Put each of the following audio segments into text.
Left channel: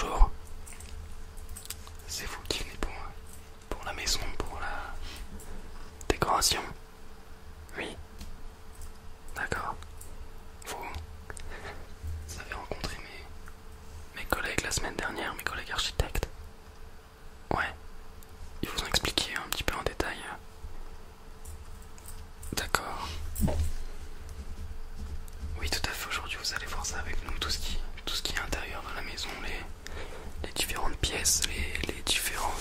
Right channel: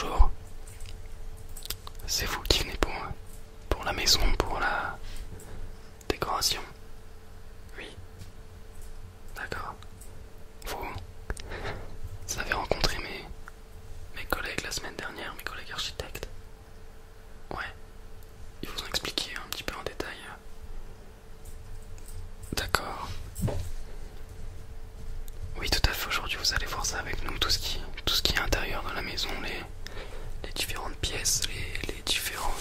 bonjour. C'est vous qui venez pour la maison, pour la décoration? Oui, d'accord. Vous avez rencontré mes collègues la semaine dernière, mes collègues architectes? Ouais, ils vous ont expliqué un petit peu en détail. D'accord. Oui, tout à fait, aujourd'hui vous allez voir ça avec nous, tout ce qui est intérieur de la maison, les différentes pièces, les différents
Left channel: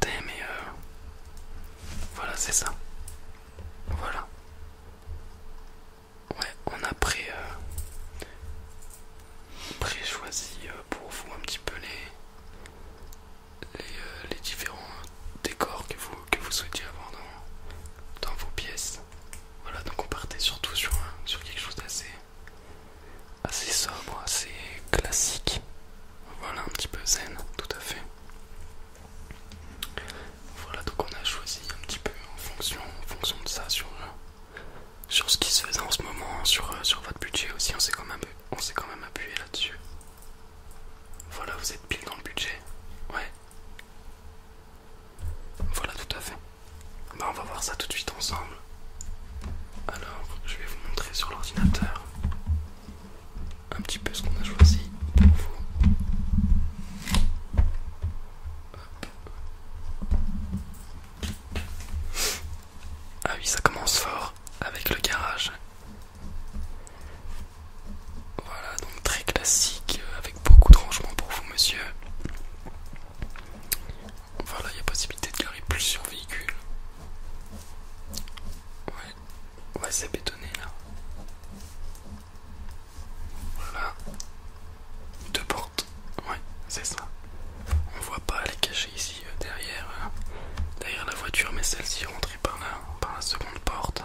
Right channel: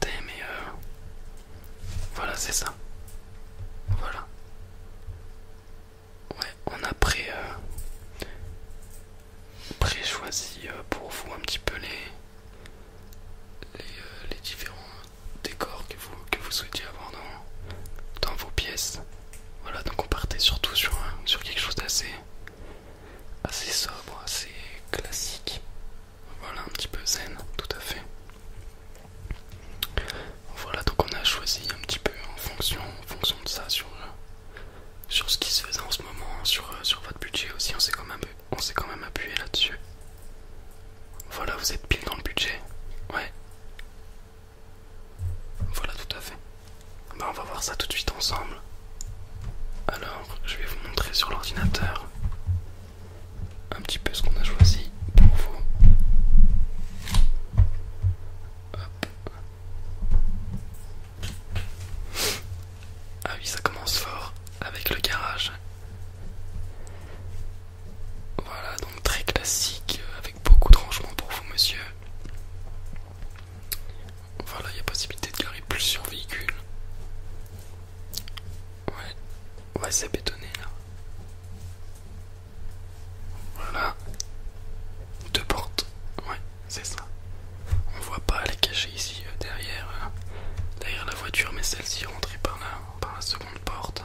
thèmes et voilà, c'est ça. Voilà. Ouais, on a pré-choisi pour vous un petit peu les différents décors que vous souhaitiez avoir dans vos pièces. Voilà, donc on partait surtout sur quelque chose assez sobre, assez classique. Voilà, un petit peu zen, tout à fait. Voilà, donc on a choisi un petit peu en fonction de ça, sur ce qui se faisait en ce moment, sur votre budget aussi, on s'est quand même appuyé là-dessus. Voilà, vous êtes pile dans le budget. Ouais, voilà, tout à fait. Bah, on va voir ça tout de suite ensemble. Alors, je vais vous montrer sur l'ordinateur un petit peu ce qu'on a choisi pour vous. Hop. Ah oui, ça commence fort avec le garage. Voilà, donc très classique, avec beaucoup de rangements pour vous, monsieur. Voilà, il y a possibilité de garer plusieurs véhicules. Ouais, c'est bétonné là. Voilà, deux portes. Ouais, c'est ça. On voit pas, elle est cachée ici derrière la voiture, mais celle-ci est rentrée par la seconde porte.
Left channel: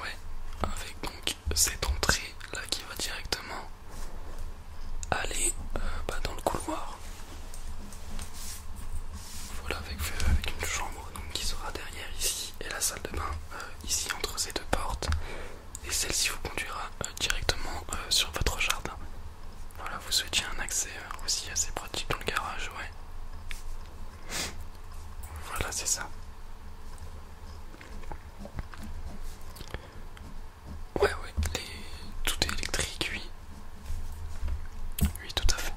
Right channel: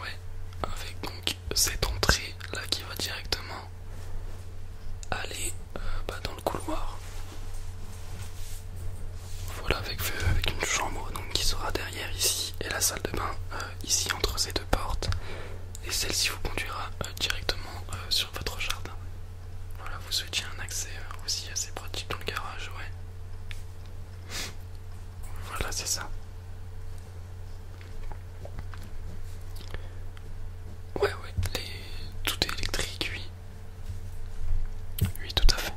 Ouais, avec donc cette entrée là qui va directement aller dans le couloir. Voilà, avec une chambre donc, qui sera derrière ici et la salle de bain ici entre ces deux portes. Et celle-ci vous conduira directement sur votre jardin. Voilà, vous souhaitiez un accès aussi assez pratique dans le garage, ouais. Voilà, c'est ça. Ouais, tout est électrique, oui. Oui, tout à fait.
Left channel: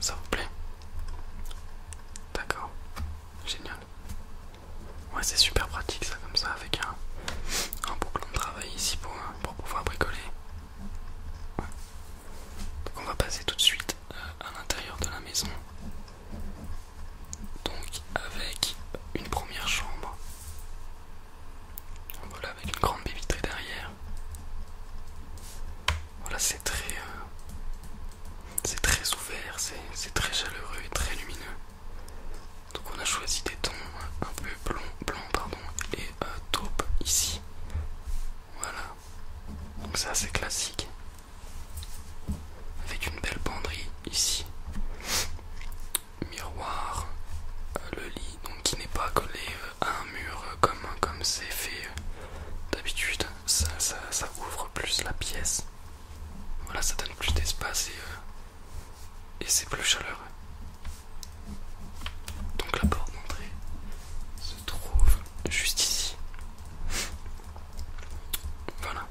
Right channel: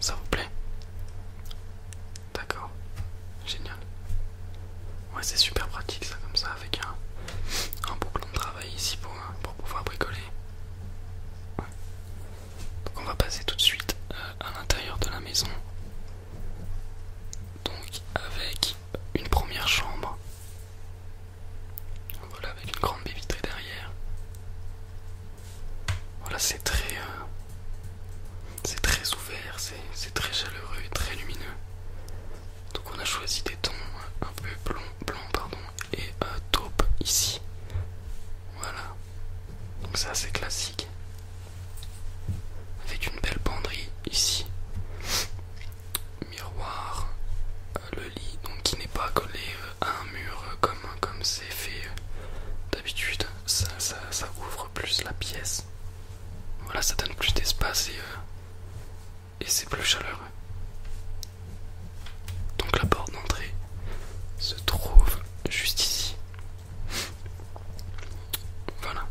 Ça vous plaît? D'accord. Génial. Ouais, c'est super pratique ça, comme ça, avec un beau plan de travail ici pour pouvoir bricoler. Ouais. Donc on va passer tout de suite à l'intérieur de la maison. Donc avec une première chambre. Voilà, avec une grande baie vitrée derrière. Voilà, c'est très ouvert, c'est très chaleureux et très lumineux. Donc on a choisi des tons un peu blanc pardon, et taupe ici. Voilà, donc c'est assez classique. Avec une belle penderie ici. Miroir, le lit donc qui n'est pas collé à un mur comme c'est fait d'habitude. Ça ouvre plus la pièce. Voilà, ça donne plus d'espace et c'est plus chaleureux. Donc la porte d'entrée se trouve juste ici. Voilà.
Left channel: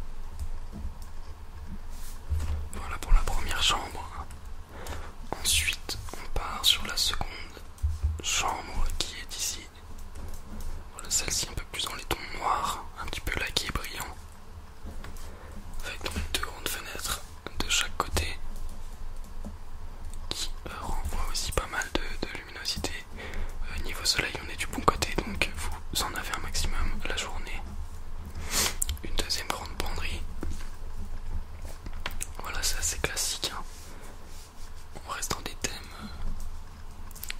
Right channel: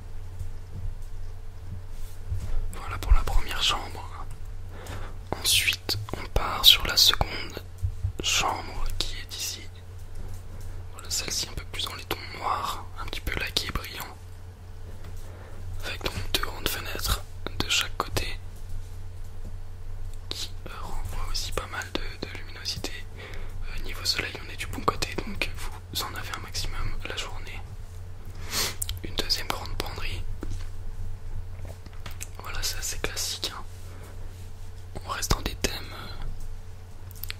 Voilà pour la première chambre. Ensuite, on part sur la seconde chambre qui est ici. Voilà, celle-ci un peu plus dans les tons noirs, un petit peu laqué et brillant. Avec donc deux grandes fenêtres de chaque côté qui renvoient aussi pas mal de luminosité. Niveau soleil, on est du bon côté, donc vous en avez un maximum la journée. Une deuxième grande penderie. Voilà, c'est assez classique, hein. On reste dans des thèmes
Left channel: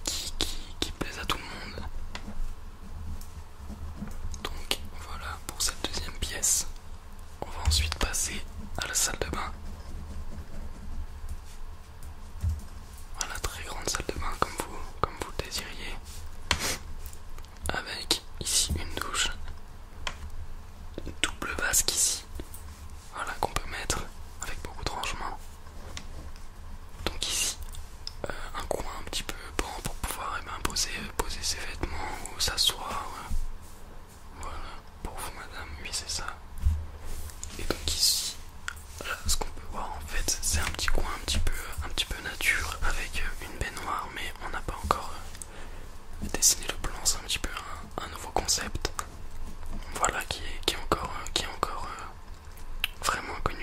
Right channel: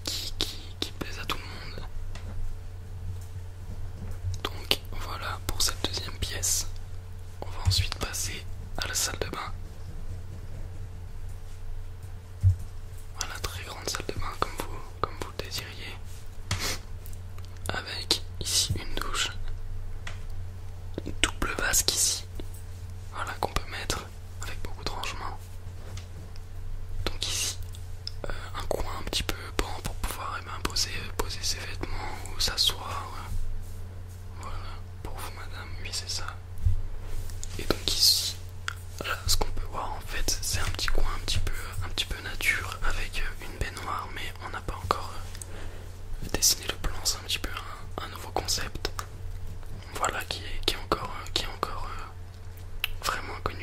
qui plaisent à tout le monde. Donc voilà pour cette deuxième pièce. On va ensuite passer à la salle de bain. Voilà, très grande salle de bain comme vous le désiriez. Avec ici une douche. Une double vasque ici. Voilà, qu'on peut mettre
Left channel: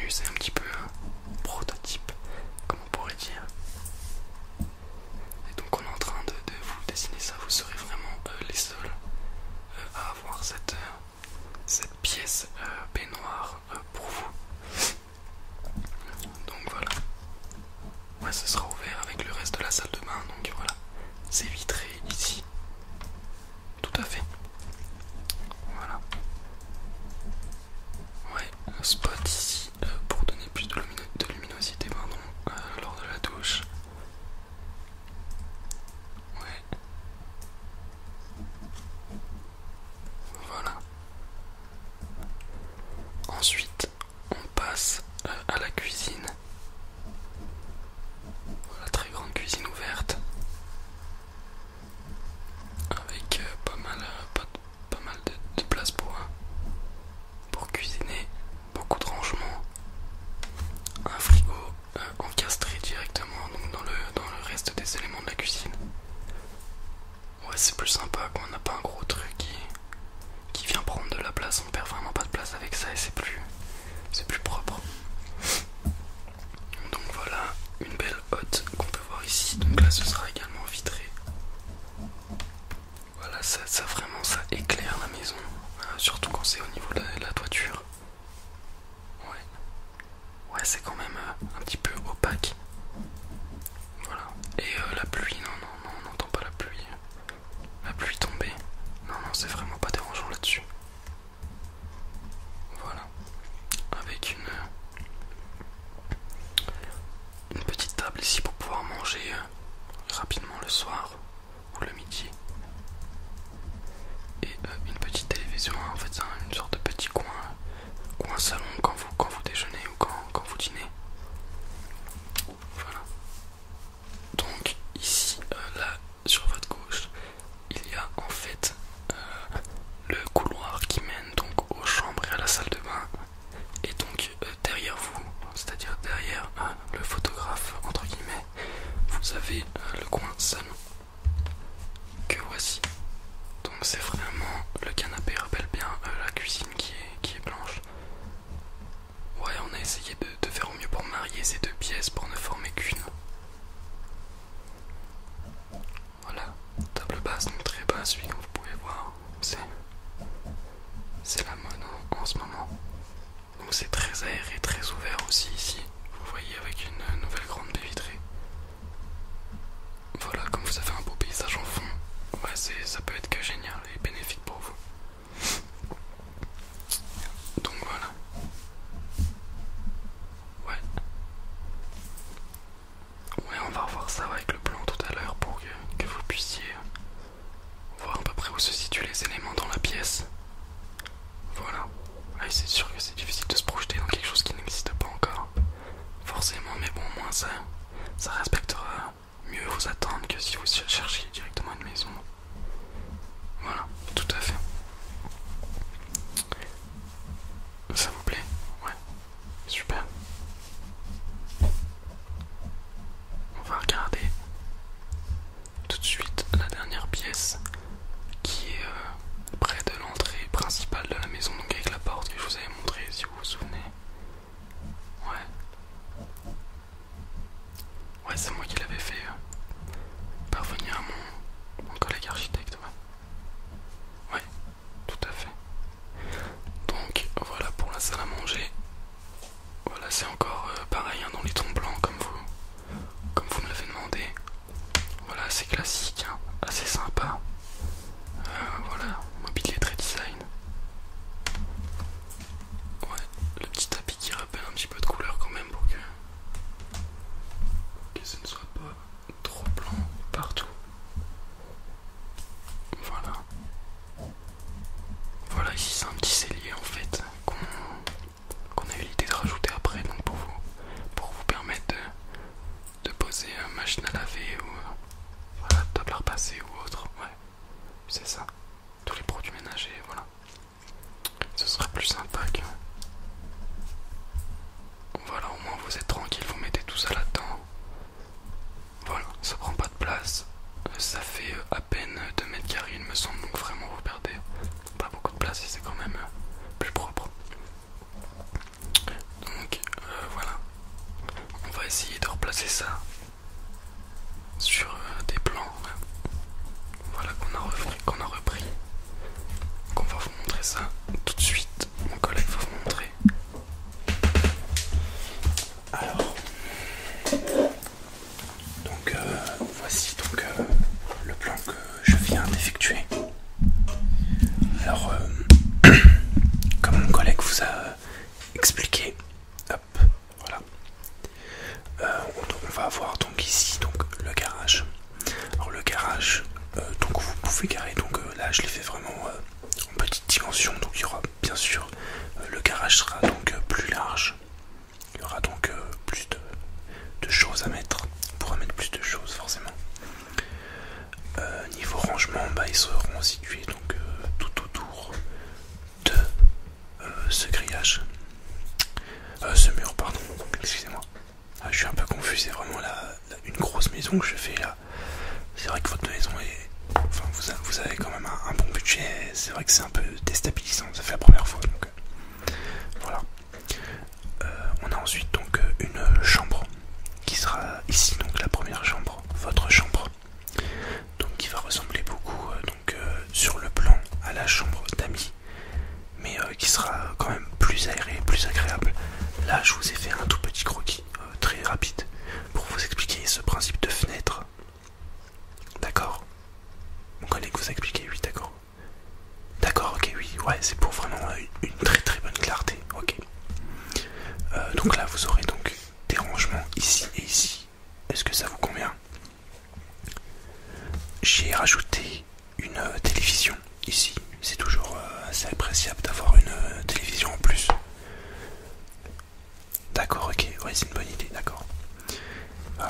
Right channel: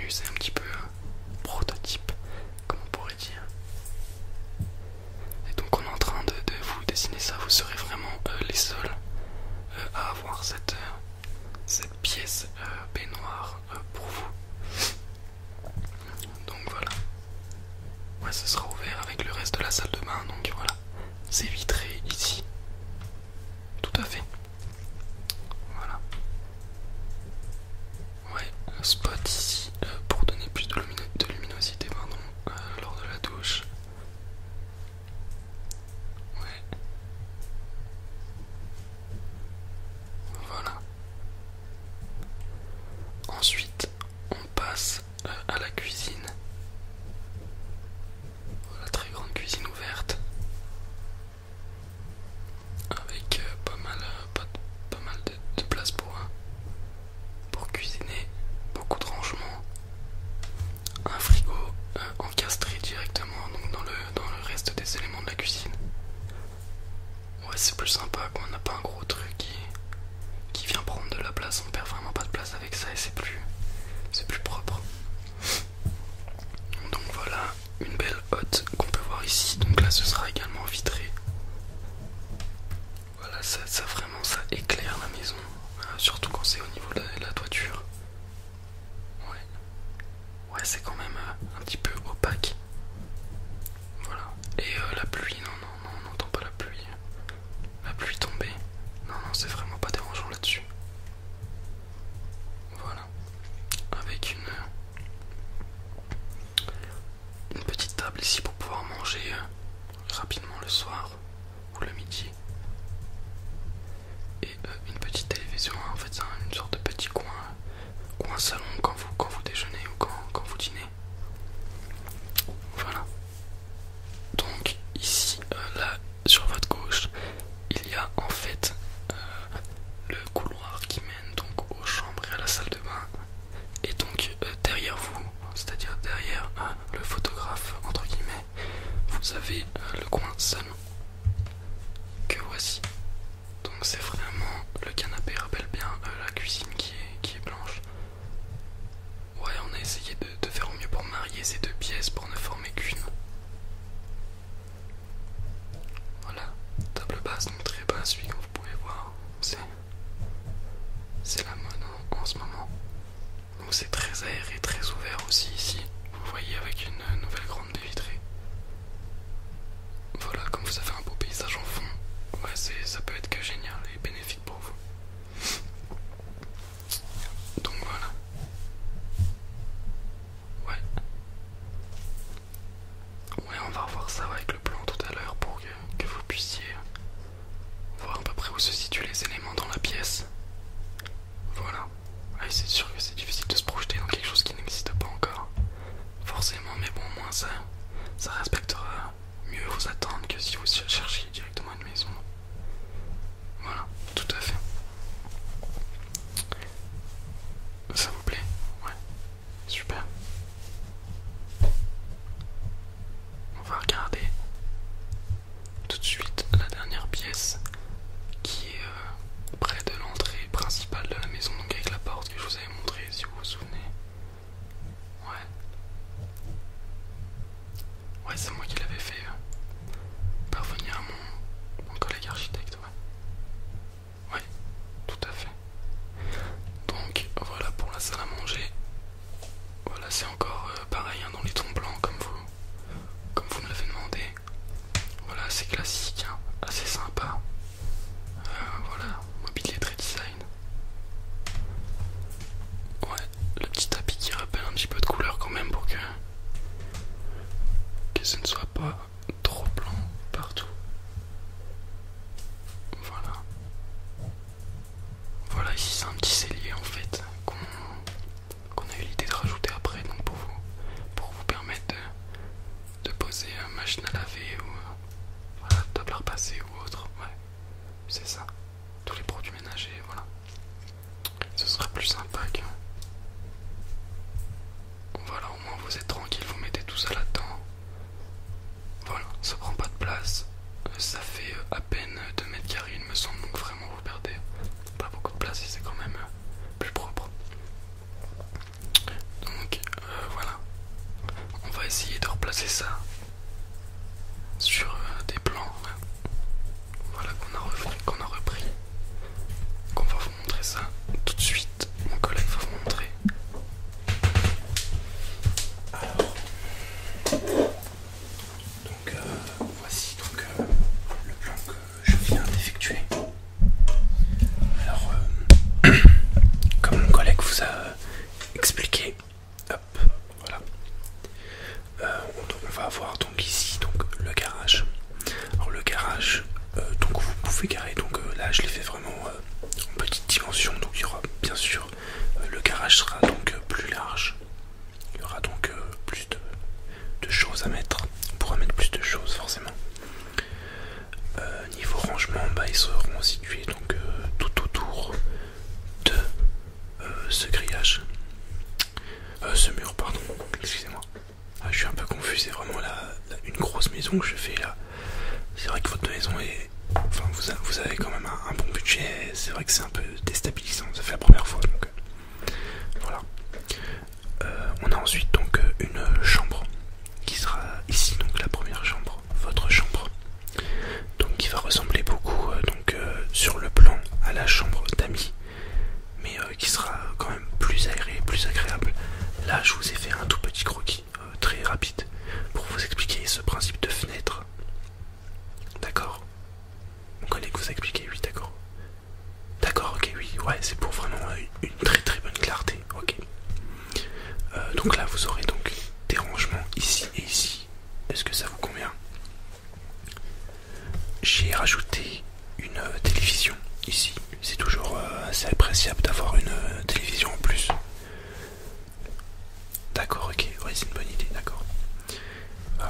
début, c'est un petit peu prototype, comme on pourrait dire. Et donc on est en train de vous dessiner ça, vous serez vraiment les seuls à avoir cette pièce baignoire pour vous. Donc voilà. Ouais, ce sera ouvert avec le reste de la salle de bain, donc voilà. C'est vitré ici. Tout à fait. Voilà. Ouais, un spot ici pour donner plus de luminosité pardon, lors de la douche. Ouais. Voilà. Ensuite, on passe à la cuisine. Voilà, très grande cuisine ouverte. Avec pas mal de place pour cuisiner. Beaucoup de rangements. Un frigo encastré directement donc dans le reste des éléments de la cuisine. Ouais, c'est plus sympa quand on n'a pas un gros truc qui vient prendre de la place. On perd vraiment pas de place avec ça et c'est plus propre. Donc voilà, une belle hotte qu'on peut voir ici. Donc là ce sera également vitré. Voilà, ça vraiment ça éclaire la maison, surtout quand c'est au niveau de la toiture. Ouais, c'est quand même un petit peu opaque. Voilà. Et la pluie, non, on n'entend pas la pluie. La pluie tombée. Non, c'est vraiment pas dérangeant là-dessus. Voilà. Avec une petite table ici pour pouvoir manger rapidement le soir ou le midi. Et une petite télévision, en fait c'est une sorte de petit coin salon quand vous déjeunez ou quand vous dînez. Voilà. Donc ici, là, sur votre gauche, il y a en fait le couloir qui mène donc aux chambres et à la salle de bain. Et donc derrière vous, c'est-à-dire derrière le photographe entre guillemets, vous avez le coin salon que voici. Donc c'est vraiment, le canapé rappelle bien la cuisine qui est blanche. Ouais, on a essayé de faire au mieux pour marier ces deux pièces pour ne former qu'une. Voilà, table basse, donc très basse, oui, comme vous pouvez voir. C'est la mode en ce moment. Donc c'est très aéré, très ouvert aussi ici. Vous voyez avec une nouvelle grande baie vitrée. Voilà, comme vous avez un beau paysage en fond, ouais, ça peut être que génial et bénéfique pour vous. Donc voilà. Ouais. Ouais, on va revoir ça avec le plan tout à l'heure pour que vous puissiez voir à peu près où se situent les éléments dans la pièce. Voilà. Ouais, c'est sûr que c'est difficile de se projeter dans quelque chose qui n'existe pas encore. Forcément, mais bon, au moins ça respectera mieux vos attentes que si vous cherchiez directement une maison. Voilà, tout à fait. Ça vous plaît? Ouais, super. On va regarder tout de suite la dernière pièce qui est près de l'entrée principale de la maison, donc avec la porte que je vous avais montrée si vous vous souvenez. Ouais. Ouais, c'est moi qui l'avais fait parvenir à mon collègue architecte, ouais. Ouais, tout à fait. Donc voilà pour la salle à manger. Voilà, c'est encore pareil dans les tons blancs comme vous me l'avez demandé. Voilà, c'est classique, hein, assez sympa. Voilà, mobilier très design. Ouais, le petit tapis qui rappelle un petit peu de couleur quand même pour que ce ne soit pas trop blanc partout. Voilà. Voilà, ici c'est un petit cellier en fait qu'on a eu l'idée de rajouter après, donc pour c'est ça. Sur des plans, voilà, qu'on a repris. Donc on va vous montrer ça tout de suite. Mon collègue va vous montrer. Alors, donc voici donc le plan que je viens d'effectuer. Alors, comme mon collègue vous a expliqué, hop, voilà. On va avoir donc ici donc le garage. Alors le garage, donc vous pouvez garer. Donc là, je l'ai fait vraiment en petite dimension. Donc il y aura bien sûr le garage sera donc plus large. Il y aura donc plus de choses à mettre. On pourra mettre plus de choses forcément. Niveau rangement, ils seront situés donc tout autour de ce grillage. Ce mur, pardon, excusez-moi. Je suis un peu confus, c'est vraiment une grosse maison que je fais là. C'est vrai que votre maison est... Enfin, vous avez quand même un bon budget. C'est vrai que c'est un peu déstabilisant, ça fait la première fois. Donc voilà. On a ensuite donc une chambre qui sera ici, donc la première chambre, votre chambre. Donc qui va ressembler beaucoup sur le plan à la chambre d'amis, mais qui sera quand même plus aérée, plus agréable. Là, je vous ai fait un tout petit croquis très rapide pour vous expliquer ce principe de fenêtre. D'accord? Mon collègue vous a expliqué, oui, d'accord. D'accord, ok, oui, ouais, c'est pour vraiment une très très bonne clarté, ok. Donc là, vous aurez donc des rangements ici et ici. Est-ce que ça vous convient? J'ai rajouté une télévision ici. C'est toujours assez appréciable d'avoir une télévision en plus. D'accord, ok, ouais, c'est une bonne idée, d'accord.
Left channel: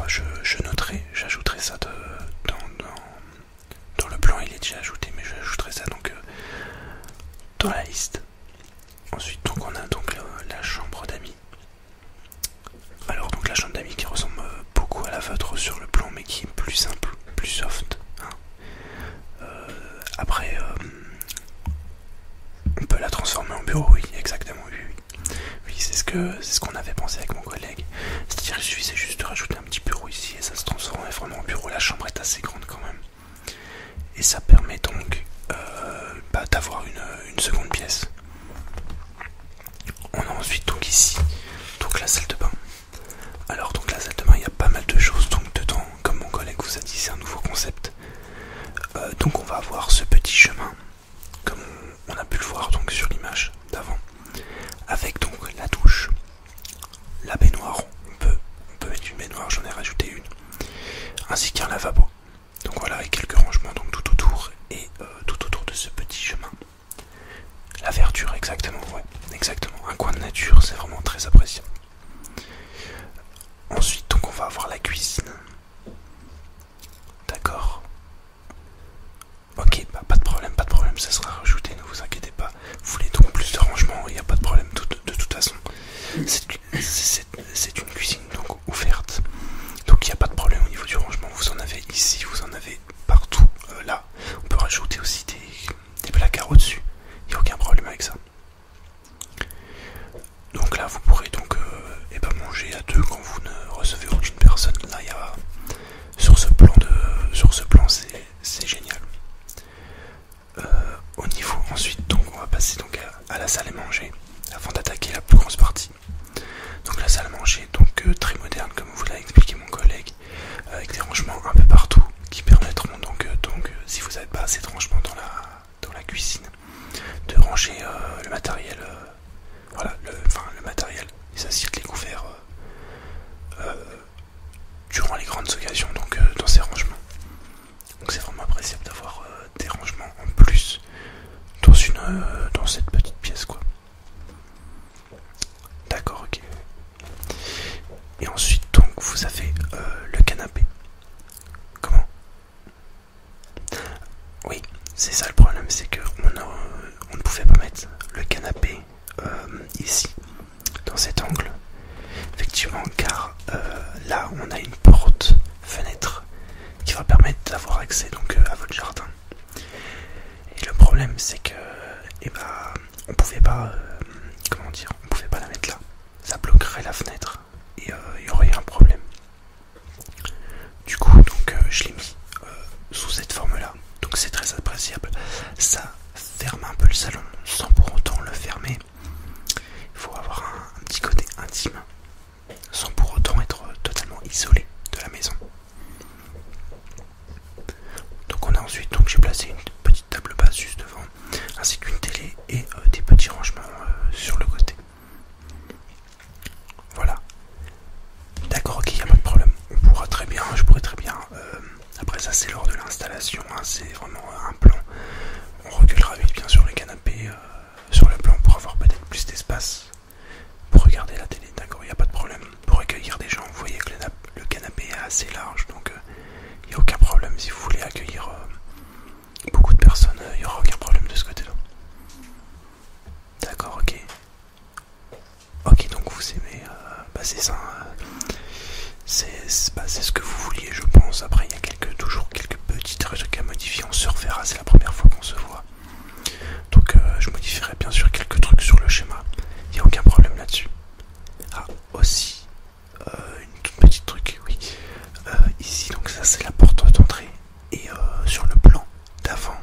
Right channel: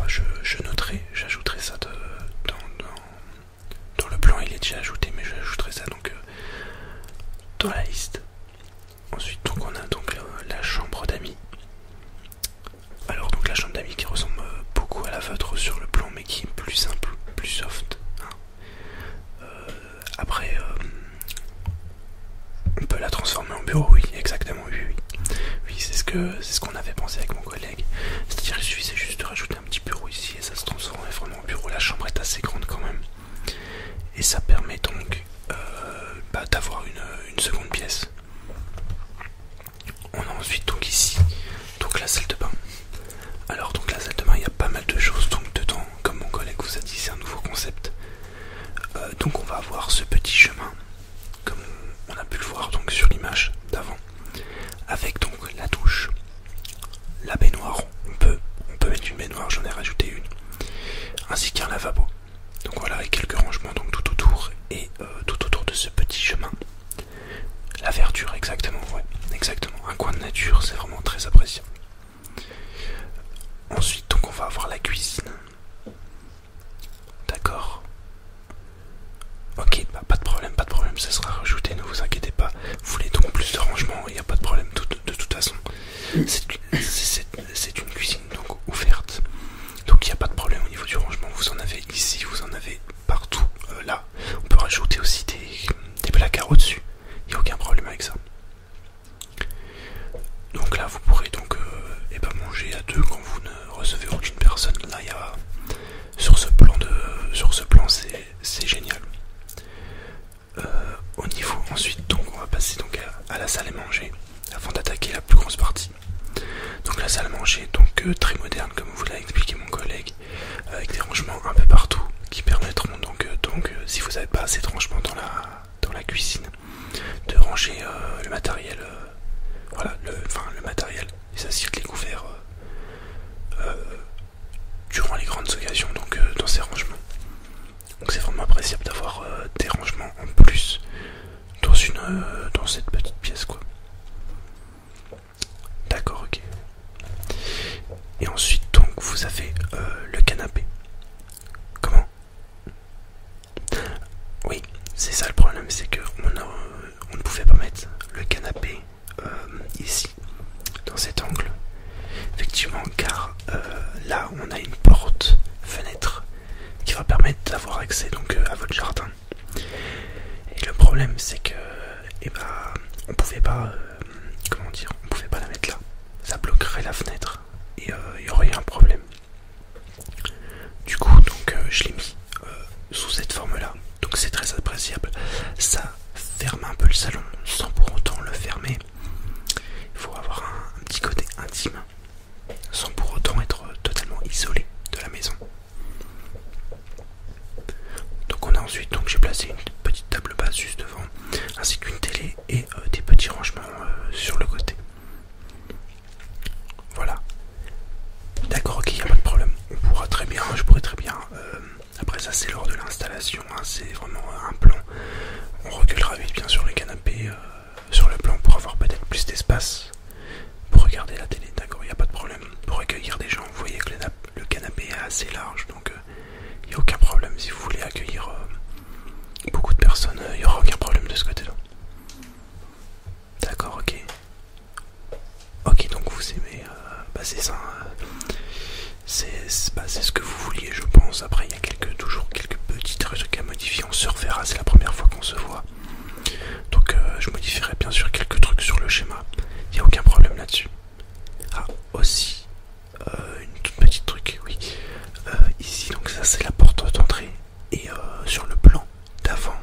Je noterai, j'ajouterai ça dans le plan, il est déjà ajouté, mais j'ajouterai ça donc dans la liste. Ensuite, donc on a donc la chambre d'amis. Alors donc la chambre d'amis qui ressemble beaucoup à la vôtre sur le plan, mais qui est plus simple, plus soft. Hein. Après, on peut la transformer en bureau, oui, exactement, oui. Oui, c'est ce qu'on avait pensé avec mon collègue. C'est-à-dire il suffisait juste de rajouter un petit bureau ici et ça se transformait vraiment en bureau. La chambre est assez grande quand même. Et ça permet donc d'avoir une seconde pièce. On a ensuite donc ici donc la salle de bain. Alors donc la salle de bain, il y a pas mal de choses donc dedans. Comme mon collègue vous a dit, c'est un nouveau concept. Donc on va avoir ce petit chemin, comme on a pu le voir donc sur l'image d'avant, avec donc la douche, la baignoire, on peut mettre une baignoire, j'en ai rajouté une, ainsi qu'un lavabo. Donc voilà, et quelques rangements donc tout autour, et tout autour de ce petit chemin. La verdure, exactement, ouais, exactement. Un coin de nature, c'est vraiment très appréciable. Ensuite, donc on va avoir la cuisine. D'accord. Ok, pas de problème, ça sera rajouté, ne vous inquiétez pas. Vous voulez donc plus de rangement, il n'y a pas de problème de toute façon. C'est une cuisine donc ouverte. Donc il n'y a pas de problème au niveau du rangement. Vous en avez ici, vous en avez partout. Là, on peut rajouter aussi des placards au-dessus. Il n'y a aucun problème avec ça. Donc là, vous pourrez donc manger à deux quand vous ne recevez aucune personne. Là, il y a sur ce plan, c'est génial. Au niveau ensuite, donc on va passer donc à la salle à manger avant d'attaquer la plus grosse partie. Donc la salle à manger, donc très moderne comme vous l'a expliqué mon collègue, avec des rangements un peu partout qui permettront donc si vous n'avez pas assez de rangements dans la cuisine, de ranger le matériel, voilà, le matériel, les assiettes, les couverts durant les grandes occasions, donc dans ces rangements. Donc c'est vraiment appréciable d'avoir des rangements en plus dans cette petite pièce, quoi. D'accord, ok. Et ensuite donc vous avez le canapé. Comment? Oui, c'est ça le problème, c'est que on ne pouvait pas mettre le canapé ici, dans cet angle. Effectivement, car là on a une porte fenêtre qui va permettre d'avoir accès donc à votre jardin. Et le problème c'est que on pouvait pas on pouvait pas la mettre là. Ça bloquerait la fenêtre et il y aurait un problème. sous cette forme-là. Donc c'est très appréciable. Ça ferme un peu le salon sans pour autant le fermer. Il faut avoir un petit côté intime sans pour autant être totalement isolé de la maison. Donc on a ensuite, donc j'ai placé une petite table basse juste devant, ainsi qu'une télé et des petits rangements sur le côté. Voilà. D'accord, ok, il n'y a pas de problème. On pourra très bien, je pourrais très bien. Après ça c'est lors de l'installation, hein, c'est vraiment un plan. On reculera vite bien sûr le canapé sur le plan pour avoir peut-être plus d'espace pour regarder la télé. D'accord, il n'y a pas de problème. Pour accueillir des gens, vous voyez que le canapé est assez large, donc il n'y a aucun problème. Si vous voulez accueillir beaucoup de personnes, il n'y aura aucun problème de ce côté-là. D'accord, ok. Ok, donc vous aimez, c'est ça. C'est ce que vous vouliez, je pense. Après, il y a toujours quelques petits trucs à modifier. On se reverra, c'est la première fois qu'on se voit. Donc, je modifierai bien sûr quelques trucs sur le schéma. Il n'y a aucun problème là-dessus. Ah, aussi, une toute petite truc, oui. Ici, donc ça, c'est la porte d'entrée. Et sur le plan d'avant,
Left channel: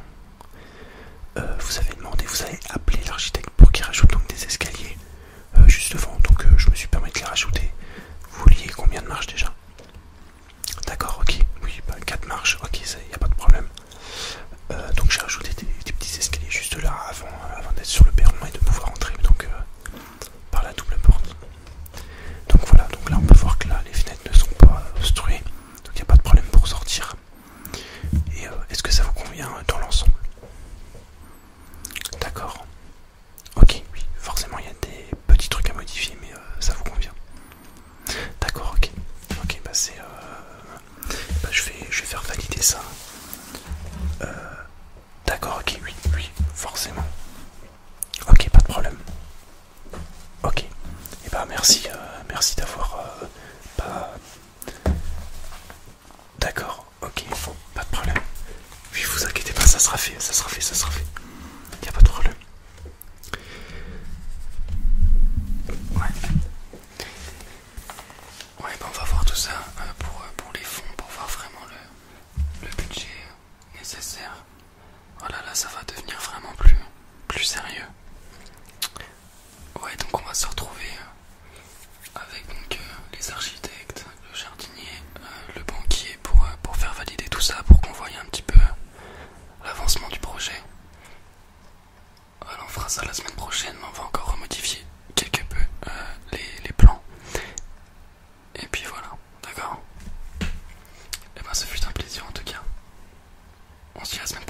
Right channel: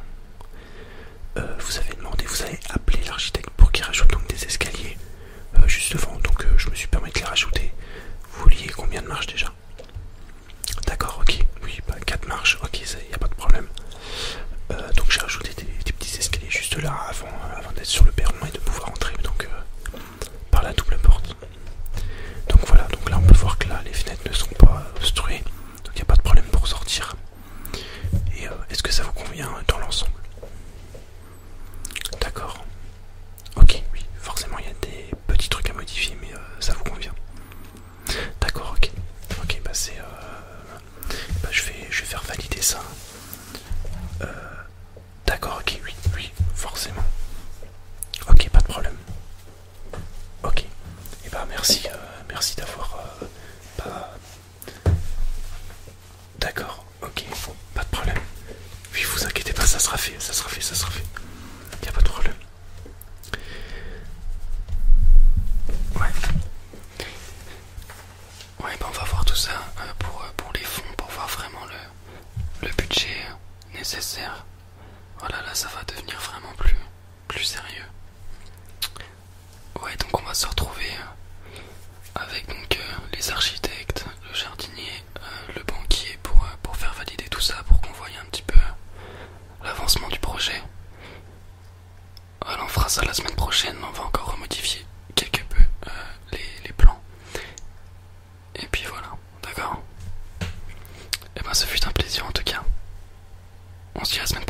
vous avez appelé l'architecte pour qu'il rajoute donc des escaliers juste devant. Donc, je me suis permis de les rajouter. Vous vouliez combien de marches déjà? D'accord, ok, oui, 4 marches, ok, il n'y a pas de problème. Donc j'ai rajouté des petits escaliers juste là avant d'être sur le perron et de pouvoir entrer donc par la double porte. Donc voilà, donc là on peut voir que là les fenêtres ne sont pas obstruées, donc il n'y a pas de problème pour sortir. Et est-ce que ça vous convient dans l'ensemble? D'accord. Ok, oui, forcément il y a des petits trucs à modifier, mais ça vous convient. D'accord, ok. Ok, je vais faire valider ça. D'accord, ok, oui, forcément. Ok, pas de problème. Ok. Et merci d'avoir pas. D'accord, ok, pas de problème. Oui, vous inquiétez pas, ça sera fait. Y a pas de problème. Ouais. Ouais, on va voir tout ça pour les fonds, pour voir vraiment le budget nécessaire. Voilà, là ça va devenir vraiment plus sérieux. Ouais, donc on va se retrouver avec donc les architectes, le jardinier, le banquier pour faire valider tout ça, pour qu'on voie un petit peu l'avancement du projet. Alors on fera ça la semaine prochaine, on va encore remodifier quelque peu les plans. Et puis voilà, d'accord. Et ben ce fut un plaisir en tout cas. On se dit à la semaine prochaine.